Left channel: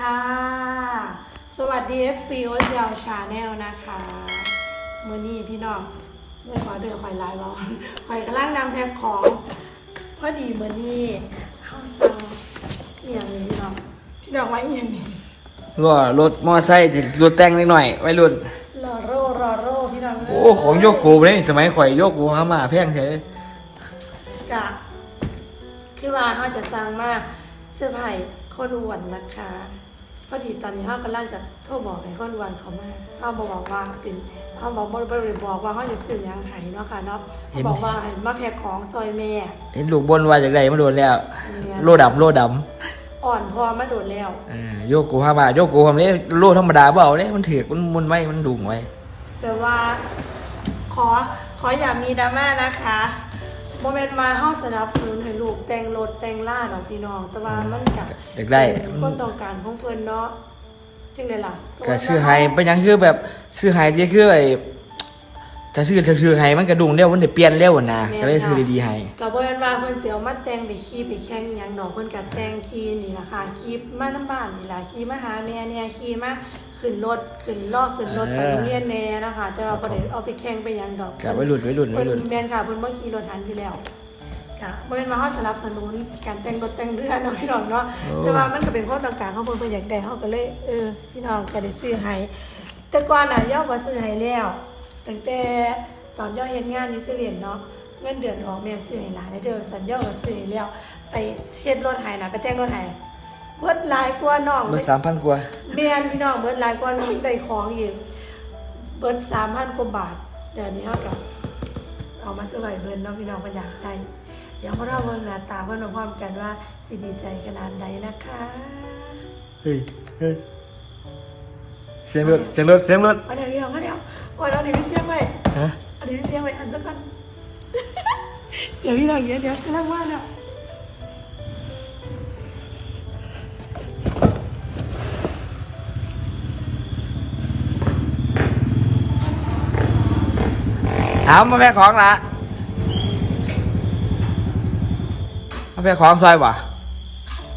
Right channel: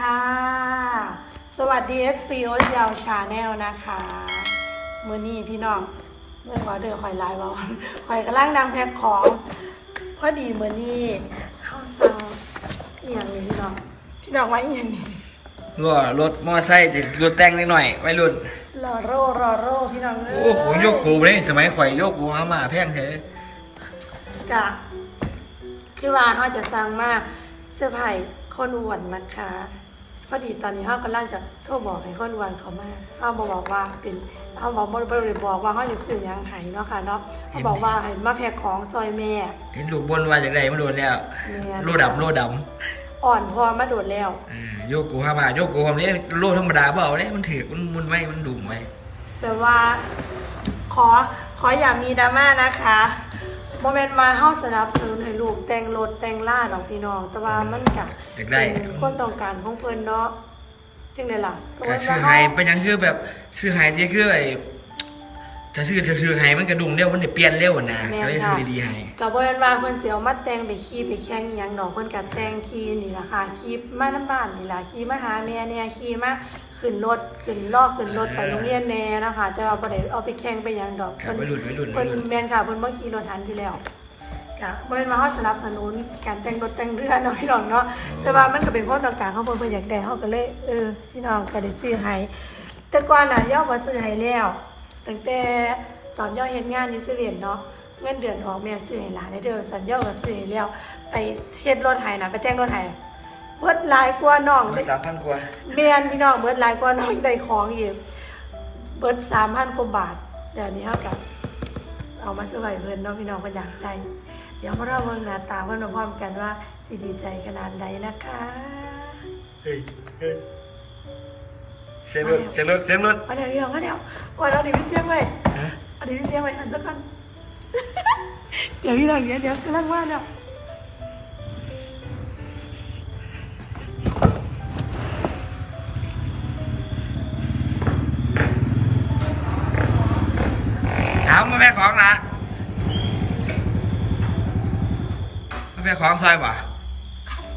ค่ะ สวัสดี FC โอ๊ตยาวชาแนลนะคะมือนี้พี่น้องเมื่อขอเดือคอยไลน์ว่าคอยกำลังนางแพ็คของพอดีมือนี้เข้าสั่งอหย่างนี้พี่น้อง พี่น้องว่าอหย่างนี้รั่วรถมอไซค์รถแต่งนิดหน่อยไว้รุ่นรอโร่รอโร่พี่น้องเโอ้ของโยกกูเลยสมัยข่อยโยกกูหามาแพงเถอะกะคือว่าเขาจะสั่งมาเสื้อผ้าคนอ้วนนะคะ พอดีตอนนี้เขากำลังจะโทรบอกให้คนอ้วนเขามาเขาบอกบอกว่าเป็นเขาบอกบริบอกว่าเขาจะซื้อหยังไห้เนาะค่ะเนาะเขาบอกว่าให้มาแพ็คของซอยแม่เห็นลูกบนว่าจากใดมาโดนแล้ว เนี่ยโลดำโลดอ่อนพอมาโดดแล้วำอ่าโยกกูหามาโยกกูทำนี้โลธรรมดาเปล่าเนี่ยมันถือกมันมุนไว้มันดุงไว้ แต่ว่าขอขออย่ามีดราม่านะคะ โมเมนต์มาเฮาสนับสนุนให้ลูกแต่งรถแต่งล่าดอกพี่น้อง แต่ว่ามันกะอยากได้ เป็นความต้องการของเพิ่นเนาะจึงได้ล่ะก็ซื้อไห้เป็นหยังคือแบบซื้อไห้ที่คือไอ้ถ้าซื้อถือไห้มันกระดุงเร็วมันเดี๋ยวเปลี่ยนเร็วนะก็เลยซื้อดีๆไห้ก็บ่แม่นว่าเพิ่นสิเอามาแต่งไปขี่ไปแข่งอีหยังดอกเพิ่นก็แต่งขี่นี่ล่ะค่ะขี่มานํบ้านนี่ล่ะขี่มาหาแม่เนี่ยขี่มา ขึ้นรถขึ้นลอกขึ้นรถไปโรงเรียนแน่นะคะ แต่ว่าบ่ได้เอาไปแข่งไปหยังดอกกับไว้รุ่นไว้รุ่นไว้เพิ่นรุ่นแม่นค่ะเพิ่นบ่ขี่รถทันอยู่แล้วก็บ่แม่นว่าเฮาสนับสนุนการแต่งรถแต่งเรือเนาะพี่น้องเนาะแต่ว่ามันก็เป็นความต้องการของเพิ่นเพิ่นอยากได้เฮาก็เลยเออพี่น้องก็ได้ซื้อให้แต่ก่อนน่ะย่อบ่ซื้อให้แล้วตั้งแต่ตอนย่อเฮ็ดงานอยู่เซเว่นเนาะเงินเดือนออกแม่ซื้อให้หลานได้เด้อสัญญาก็ซื้อให้แล้ว ไปเฮ็ดรถให้น่ะไปแต่งรถให้ เบิดหลายกว่าน้องรถสามพันกว่าแม่นพี่น้องเบิดหลายกว่าน้องได้ของอีกเบิด3,000กว่าบาทเดี๋ยวนี้เฮาก็เอามาสไว้เพิ่นเน้องพี่น้องเพิ่นอยากได้เดี๋ยวพวกเราเบิ่งหน้าตาเพิ่นพร้อมๆกันว่าสิดีใจขนาดใดนะคะเฮ้ยเฮ้ยเสียงรถเสียงรถเสียงรถเอาเดี๋ยวพี่น้องเอาเดี๋ยวว่าเราดิพี่เสียงไว้ฮะเอาดิพี่เสียงไว้อันสักก่อนเดี๋ยวพี่น้องเดี๋ยวเดี๋ยวกำลังว่าเนาะ เอามาแม่ของละมาแม่ของซอยบ่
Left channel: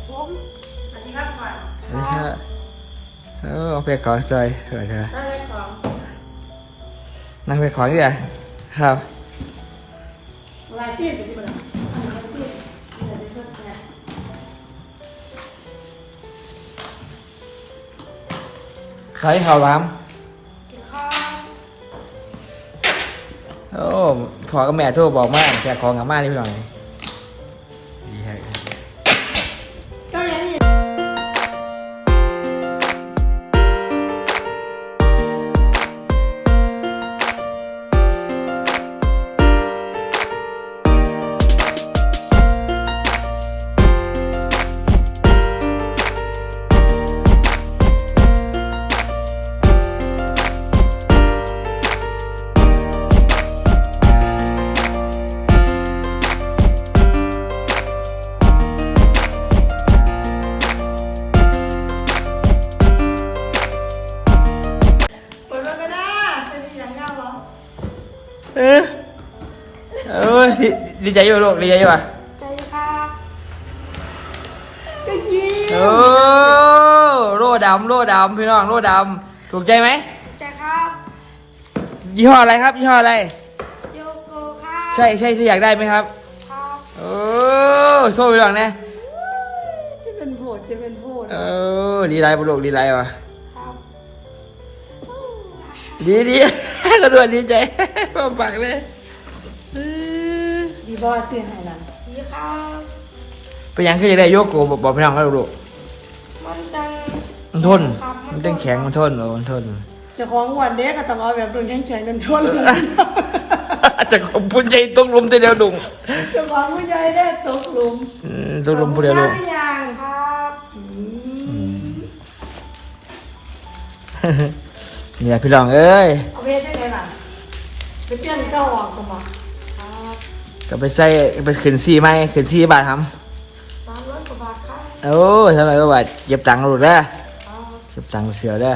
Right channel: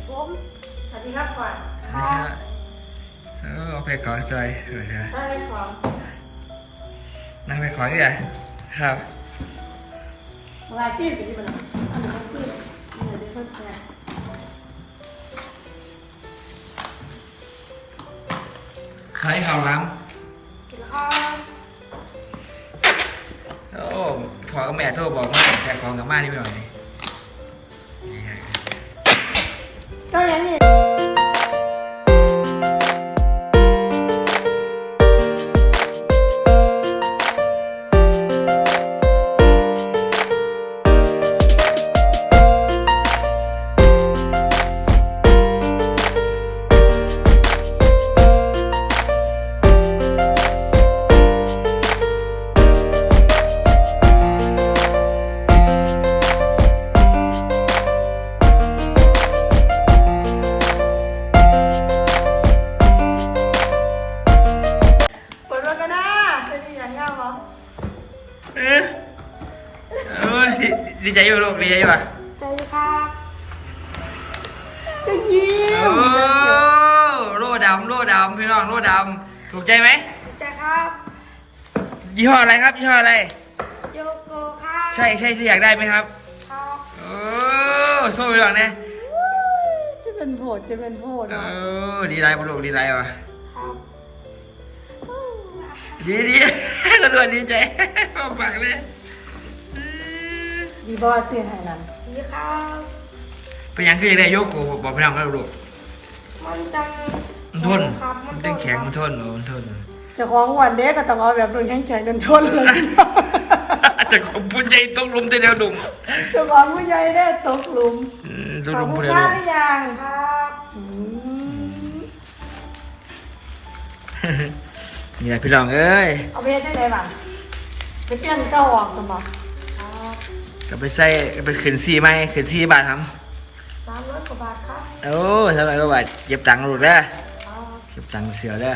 ผมสวัสดีครับก่อนนี่ฮะเออมาแม่ของซอยเดี๋ยวเธอได้ไหมของนั่งแม่ของนี่แหละครับลายซีดพี่น้องลายซีดเดี๋ยวเดี๋ยวเดี๋ยวใครเขาล้ค โอ้พอกับแม่โทรบอกมากแต่ของกับมานี่หน่อย เออเออดีดีใจอยู่ลูกดีใจอยู่อะใจครับจะยิงโอ้โล่ดำโล่ดำพี่น้องโล่ดำถูกใจไหมใจครับยี่ห้ออะไรครับยี่ห้ออะไร โยโกครับใช่ใช่ที่อยากได้ไหมครับ ครับโอ้โซ่ไปหลังนะจะเป็นโหดจะเป็นโหดเออดีไรบุลูกดีไรวะครับ ดีดีก็ด้วยดีใจปากเลยเออดีบอสเสียงไหนนั่นดีครับเป็นหยังคืออยากได้โยกโกบอกบอกพี่น้องเขาลูกมันจังมันทนครับมันต้องแข็งมันทนบอกมันทนเจ้าของวันเด็กก็ต้องเอาแบบรุ่นแข็งแข็งจนทนเลยอาจจะพุ่นใจตกหลุมแต่เดียวดุงเจ้าของผู้ใหญ่ได้ตกหลุมอืมตกหลุมผู้เดียวดุงขอบคุณครับหรือยังครับอืม นี่แหละพี่น้องเอ้ยเอาไปเฮ็ดจังไงบ้างไปเปลี่ยนเก้าออกกันบ่ครับก็ไปใส่ไปขึ้นซี่ไหมขึ้นซี่บาทครับสามร้อยกว่าบาทครับโอ้ทำไมก็ว่าเก็บตังค์หลุดเด้อครับเก็บตังค์เสือเด้อ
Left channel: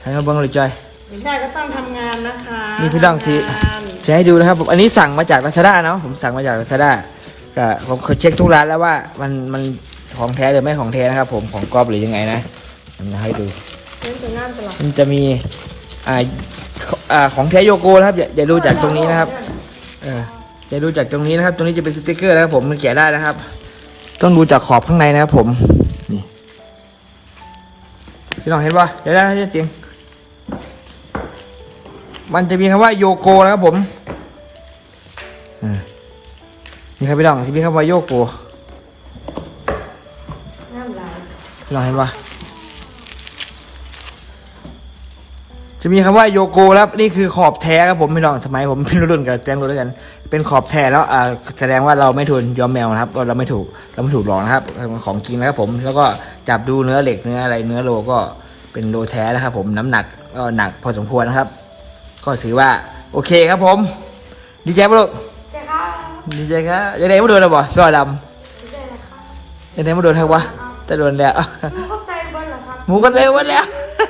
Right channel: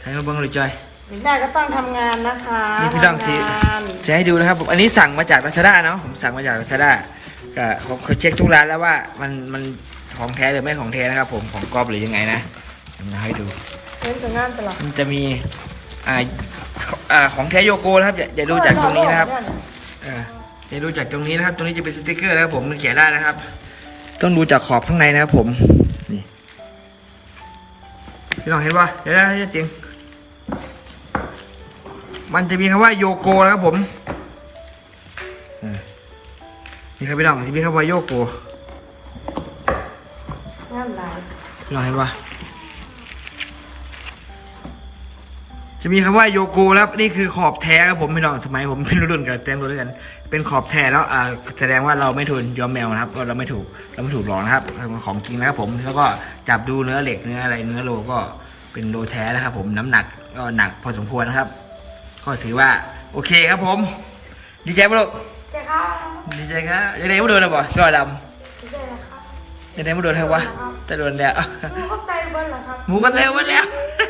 ให้มาเบิ้งเลยจอยเด็กได้ก็ต้องทำงานนะคะนี่พี่น้องสิทำงานจะให้ดูนะครับผมอันนี้สั่งมาจากลาซาด้าเนาะผมสั่งมาจากลาซาด้าก็ผมเคยเช็คทุกร้านแล้วว่ามันมันของแท้หรือไม่ของแท้นะครับผมของกอบหรือยังไงนะมาให้ดู เล่นจะงานตลอดมันจะมีอ่าอ่าของแท้โยโกนะครับอย่าอย่าดูจากตรงนี้นะครับเอออย่าดูจากตรงนี้นะครับ ตรงนี้จะเป็นสติกเกอร์นะครับผมมันแกะได้นะครับ ต้องดูจากขอบข้างในนะครับผมนี่พี่น้องเห็นป่ะเดี๋ยวได้จะจริงมันจะมีคำว่าโยโกนะครับผมอืมนี่ครับพี่น้องที่มีคำว่าโยโกงานหลายพี่น้องเห็นป่ะ จะมีคำว่าโยโกครับนี่คือขอบแท้ครับผมพี่น้องสมัยผมเป็นรุ่นกับแต้มรุ่นด้วยกัน เป็นขอบแท้แล้วอ่าแสดงว่าเราไม่ทุนยอมแมวนะครับ เราไม่ถูกเราไม่ถูกหลอกนะครับของจริงนะครับผมแล้วก็จับดูเนื้อเหล็กเนื้ออะไรเนื้อโลก็เป็นโลแท้นะครับผมน้ำหนักก็หนักพอสมควรนะครับ ก็ถือว่าโอเคครับผม ดีใจปะลูกแจ้ครับดีใจครับยังไงไม่โดนนะบ่จอดแจ้นะครับำยังไงไม่โดนทั้งวะแต่โดนแล้วดูเขาใส่เบิ้ลเหรอครับหมูก็เร็วหมดแล้ววัย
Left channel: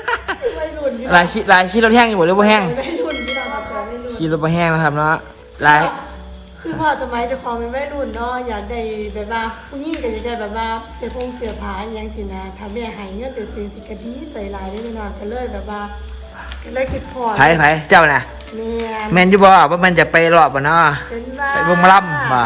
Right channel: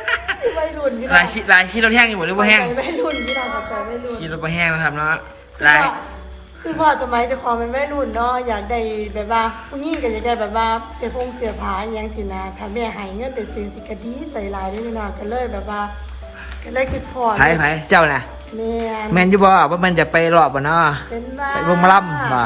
รุ่นอยู่ลายชีลายชีเราแห้งอยู่หมดหรือว่าแห้งวัยรุ่นที่เราครับแต่วัยรุ่นชีเราไม่แห้งนะครับเนาะลายคือพ่อสมัยเจะความเป็นวัยรุ่นเนาะอยากได้แบบว่าผู้หญิงก็อยากได้แบบว่าเสียพงเสียผาอหยังสินะถ้าแม่ให้เงินไปซื้อสิกะดีใส่ลายได้พี่น้องก็เลยแบบว่าก็เลยคิดพอไผ่ไผ่เจ้าน่ะแม่แมนอยู่บ่ว่ามันจะไปรอบบ่เนาะเป็นบ้าไปวงมาล่ำบ่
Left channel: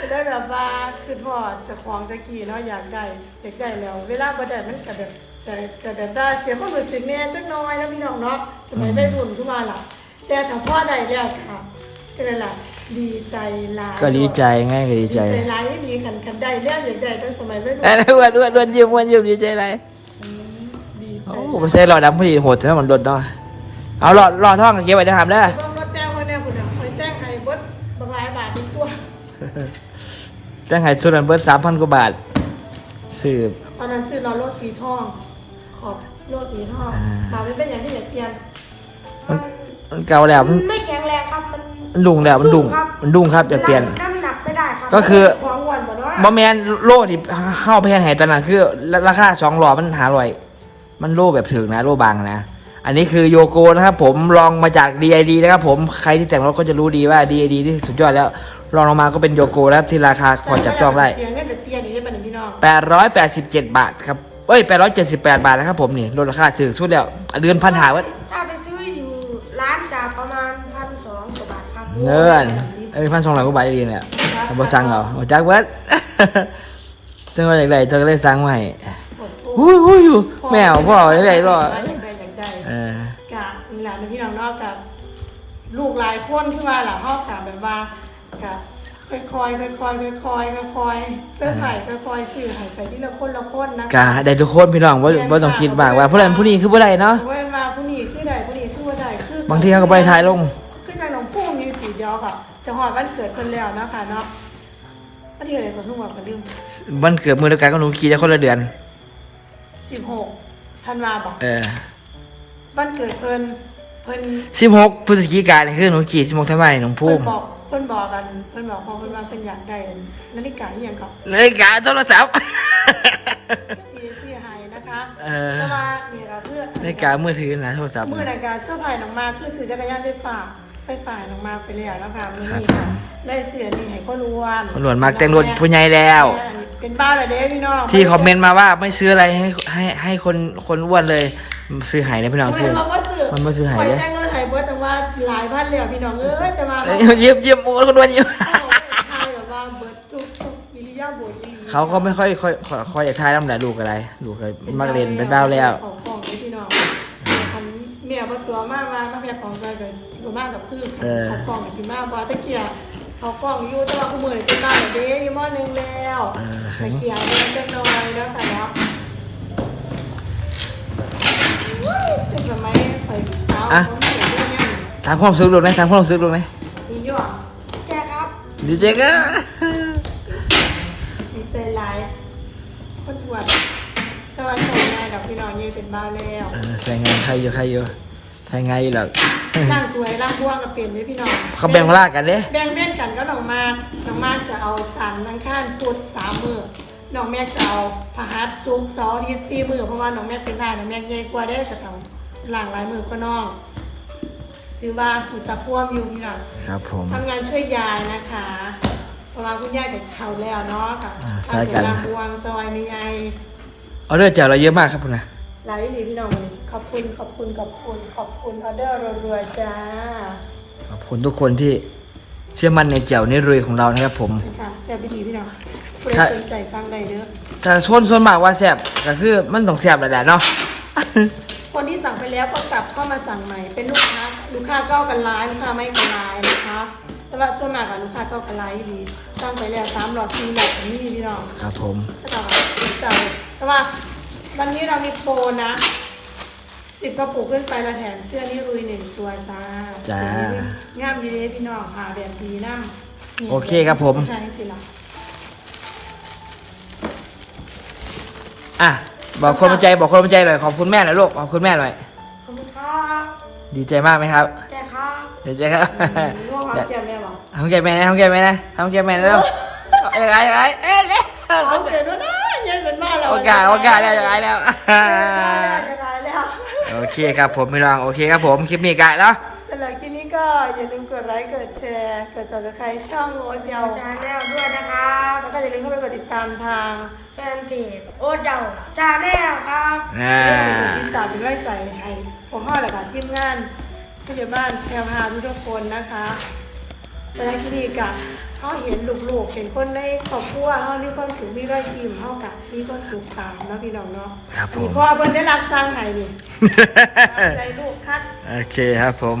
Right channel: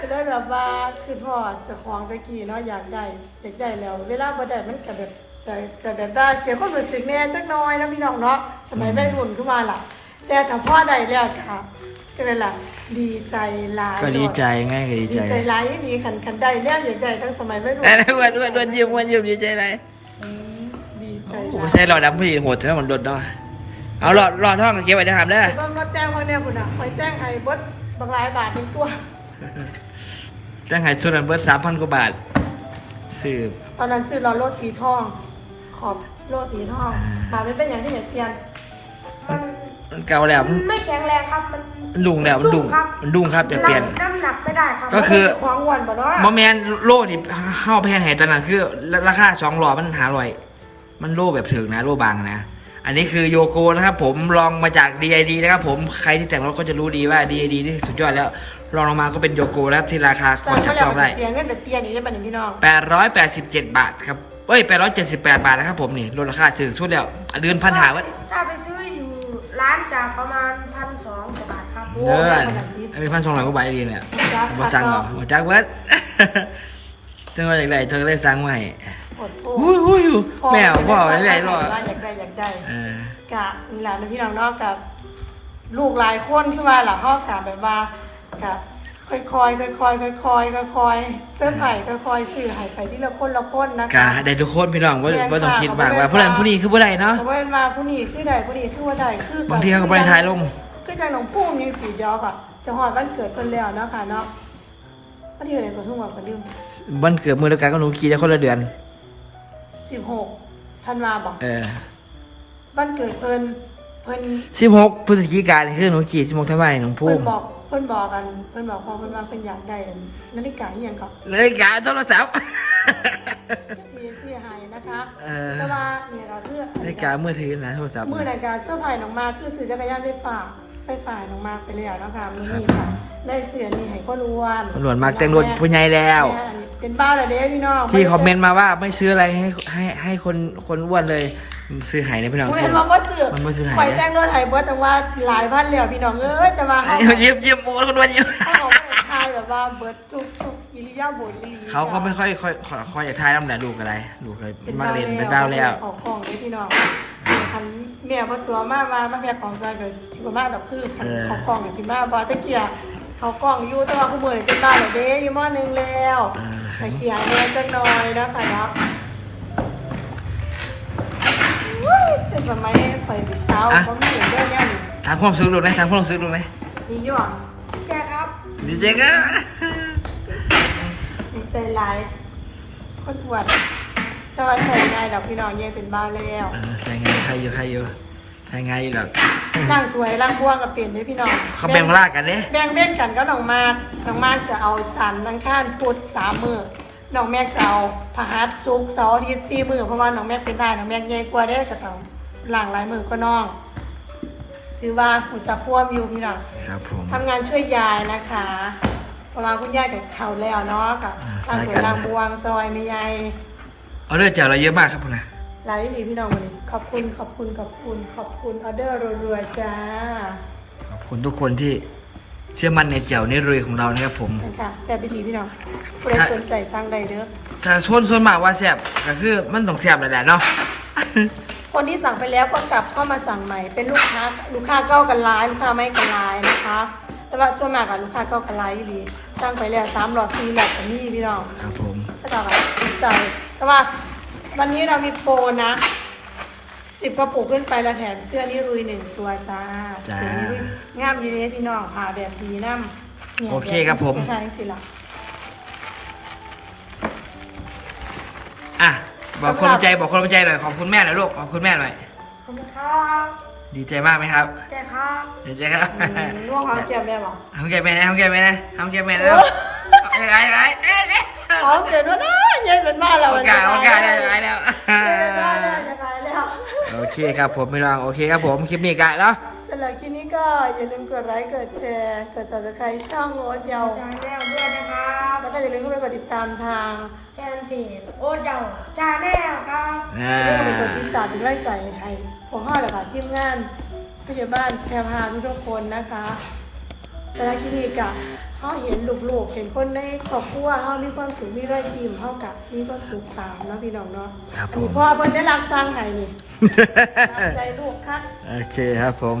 ก็ได้แบบว่าคือพ่อเจะของตะกี้เนาะอยากได้อยากได้แล้ว เวลาบ่ได้มันก็แบบ จะจะแบบได้เสียความรู้สึกแน่จักหน้อยนะพี่น้องเนาะสมัยวัยรุ่นขึ้นมาล่ะ แต่ถ้าพ่อได้แล้วค่ะก็เลยล่ะดีใจหลายก็ดีใจง่ายก็ดีดีใจใจหลายดีขันขันได้แล้วอยากได้ตั้งสมัยวัยรุ่นอันนั้นอ้วนอ้วนอ้วนยิ้มอ้วนยิ้มดีใจอะไรอืมดีใจโอ้โหใส่หลอดดำพอดีโหดถึงมันโดดเนาะเอาหลอดหลอดท่องเก็บไว้ได้ครับเด้อต้องรถแจ้งคนเนี่ยคุณอะคอยแจ้งให้เบดบางรายบาทเป็นตัวตั้งให้ทุนนั้นเบิดสามพันกว่าบาทซื้อตอนนั้นซื้อเราโลดสีทอง ขอบโลดสีทองอ่าถามไม่เป็นอย่างที่อยากเปลี่ยนมันมันเก่าแล้วมันไม่แข็งแรงครับมันมันดุงแล้วมันดุงครับมันดุงครับอย่าเปลี่ยน น้ำหนักไม่ได้ครับก็คือควางวันบ่เนาะบอแมนโล่ที่เข้าแพงแห่ตอนนั้นคือ ราคาสองหลอดมันหาร่อย มันโล่แบบถึงนะโล่บางนะ อันนี้คือโยโกนะครับผมลองมาจาก DID นะครับผมใครที่แต่งรถก็จะรู้ดีว่า DID ที่สุดยอดแล้วลองลงมาก็เป็นโยโกแล้วที่ราคาพอจับจองได้เสียเงินไปเปลี่ยนอย่างนี้เป็นอย่างพี่น้อง887 บาทครับ เอ้ย878บาทนะครับผมนี่ลดราคาถึงสุดแล้วเดือนพันหาวัดถ้าไปซื้ออยู่ร้านจะประมาณพันสองกว่าบาทครับเงินเอ้ยพันสองร้อยกว่าบาทดีเนี่ยบ่สั่งเหรอบ่จักเบิดจังว่าอย่างไรเธอก็เลยสั่งมาให้อดโทอุ้ยอุ้ยอยู่แมวพ่อได้ไรรออยากได้อยากได้เออกะนี่แหละพี่น้องเนอกกับลูกหลายคนขึ้นมาหลังห้องกะแบบว่ากะ ค่อยๆค่อยๆค่อยๆค่อยๆค่อยๆเสื้อไผ่ค่อยๆสื่อไผ่ไปที่ละคนละคนนะกะได้ทุกคนพี่น้องว่าว่าต้องคิดมากว่าผู้นั้นผู้นี้คือผู้ใดเนาะ เพราะว่ามาผู้นี้คือใดผู้นี้คือว่าใดคือบางทีเขาก็ไปถ่ายลง คือจังหนองพุ่มมีสีเดียวค่ะ จะหอดวันเกิดคนแล้วเนาะค่ะเนาะวันที่อะไรก็เพิ่งบอกกันลืมมันเกิดมือเดียวกันก็หนูขี่จะคนละเดือน สิบหกธันวาบอกเออวันเกิดเพิ่นเพิ่น สิบหกพฤศจิกายนคือหนูขี่สิบหกธันวาคมหนูพุ่เพิ่มนบอกเพิ่นบอกกันเพิ่นบอกพอเพิ่นว่าเพิ่นอยากได้นาฬิกาอหย่างก่อนเลยกาโทรศัพท์ซีซีไฮนะคะเออแต่ว่าเนี่ยก็คือในกามือถือนะโทรศัพท์มือในการเสื้อผ้าน้องมาคือซื้อจักรยานไฟฟ้าไฟฟ้าน้องมาไปแล้วนะคะมือนี้ค่ะได้เสือนี่ให้คนอ้วนคนหลวนมากแต่งรถผู้ใหญ่แล้วอันนี้เป็นบ้าเลยเด้พี่น้องที่คอมเมนต์มาว่าไม่ซื้ออะไรให้ให้ให้คนคนอ้วนเลย ซื้อหายในพี่น้องผมซื้เห็อนบอกว่าซื้อมันบ่ซื้อให้ข่อยเด้แต่งรถไฮเบิร์ตแต่ว่าหลายพันแล้วพี่น้องเอ้ยแต่ว่าเขาเยี่ยมเยี่ยมโอ้คนอ้วนเยี่ยมเขาไม่ทายแบบว่าเบิร์ตทุกทุกอิริยาบถอีหลีเขาก็ไม่ค่อยค่อยค่อยค่อยอยากทายน้ำแหละลูกอะไรลูกเลยมักเล่นเป็นดาวแล้ว ของของเลยพี่น้องคันเมียบ่ตัวมากมามาเมียของใจเกิดชิบมากดอกคือคันเออเขากล้องกับชิมาบ่ตะเกียเขากล้องอยู่แต่ว่าคู่มือนี่เป็นบ้าเลยเด้อยู่มอหนึงแล้วเออไปเขียนเรียนจักหน่อยแล้วค่ะเนาะ สมัยไปเช้าก็มีอย่างเรื่องเนี้ยถามความรู้สึกลูกไหมถามความรู้สึกลูกไหมนี่ยอดแช่ครับดีเจก็ ดีใจหลายคนอวดแต่ว่าใส่ง่ายดอกพี่น้องเย่เป็นบ้าแล้วเออใส่งานใครอยู่ใครอยู่ใส่งานอยู่หรอกล่างถวยล่างพ่วงกับเปลี่ยนด้วยพี่น้อง เขาแบ่งลากกันเด้แบ่งเว้นกันก็น้องมากน้องมากจะเอาสันนังข้านพุธสามมือน้องแม็กจะเอาพฤหัสศุกร์เสาร์อาทิตย์สี่มือเพราะว่าน้องแม็กเป็นได้น้องแม็กใหญ่กว่าได้ก็ต้อง หลังหลายมือก็น้องถือว่าหุ่นตะพ่วมอยู่พี่น้องครับผมทำงานช่วยยายนะคะเพราะว่าคุณยายกับเขาแล้วเนาะกับอ่าตั้งใช่แต่กันลางบวงซอยไม่ยายออเดอร์จากเราเยอะมากครับคุณนะหลายดีพี่น้องขอบคุณขอบคุณขอบคุณขอบคุณออเดอร์รวยๆจ้าขอบคุณทุกคนที่เชื่อมั่นในแจ่วนิรุยของเรานะครับผมนะคะแซ่บดีพี่น้องผู้ใดครับสนใจสร้างใดเด้อถ้าชนส่วนมากว่าแซ่บก็คือมันต้องแซ่บแหละเนาะ คนที่สั่งไปแล้วก็กลับเข้ามาสั่งใหม่ เป็นลูกค้า ลูกค้าเก้ากันร้ายลูกค้าไม่กันร้ายนะคะ แต่ว่าส่วนมากอะลูกค้าเก้ากันร้ายดีสั่งไปแล้วสามหลอดสี่หลอดก็มีพี่น้องครับผมก็ต่อกันติดใจแต่ว่าวันนี้เรามีโปรนะสิบกระปุกขึ้นไปเราแถมเสื้อนี่รุยหนึ่งตัวจ้าจ้าสีนี้งามยีเดพี่น้องผ่าแบบดีน้ำนี่ยโอเคครับผมใช่สิล่ะอะ บอกคนบันใจบอกคนบันใจหน่อยขอบคุณแม่หน่อยลูกขอบคุณแม่หน่อยขอบคุณครับดีใจมากไหมครับแจ้ครับดีใจครับอืมร่วงความเจียมแม่บอกทำแกแม่นะทำแกแม่นะทำแกแม่นะแล้วเอ้ยไอ้ไอ้เอ้ยเอ้ยเขาเกิดว่าน่าเย็นเป็นบ้านเราโอกาสโอกาสแล้วไอ้แล้วได้แล้วจะตายแล้วโอเคครับผมพี่น้องโอเคครับผมคลิปนี้กันแล้วสำหรับคลิปนี้ก็อย่าลืมกดไลค์กดแชร์กด subscribe ช่องโอ๊ตเยาวชาแนลด้วยนะครับแล้ว ก็อย่าลืมเข้าไปกดติดตามทางแฟนเพจโอ๊ตเยาวชาแนลครับอ่าแล้วก็ไปกดติดตามเป็นกำลังใจให้ผมพ่อและค่ะทีมงานผู้ใหญ่บ้านแพรพาทุกๆคนนะคะสำหรับคลิปนี้ก็เขาเห็นลูกๆเห็นคนในครอบครัวเขามีความสุขมีรอยยิ้มเขากับมีความสุขตามเนาะพี่น้องเนาะครับอันผนี้มพ่อเพิ่นได้รักสร้างไห้นี่ ตามใจลูกคัก โอเคครับผม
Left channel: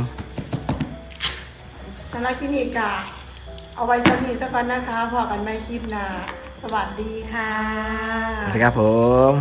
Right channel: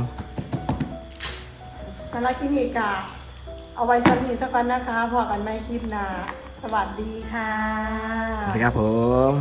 สำหรับคลินิกอะ เอาไว้สักนิดสักวันนะคะพอกันไม่คลิปหนาสวัสดีค่ะ สวัสดีครับผม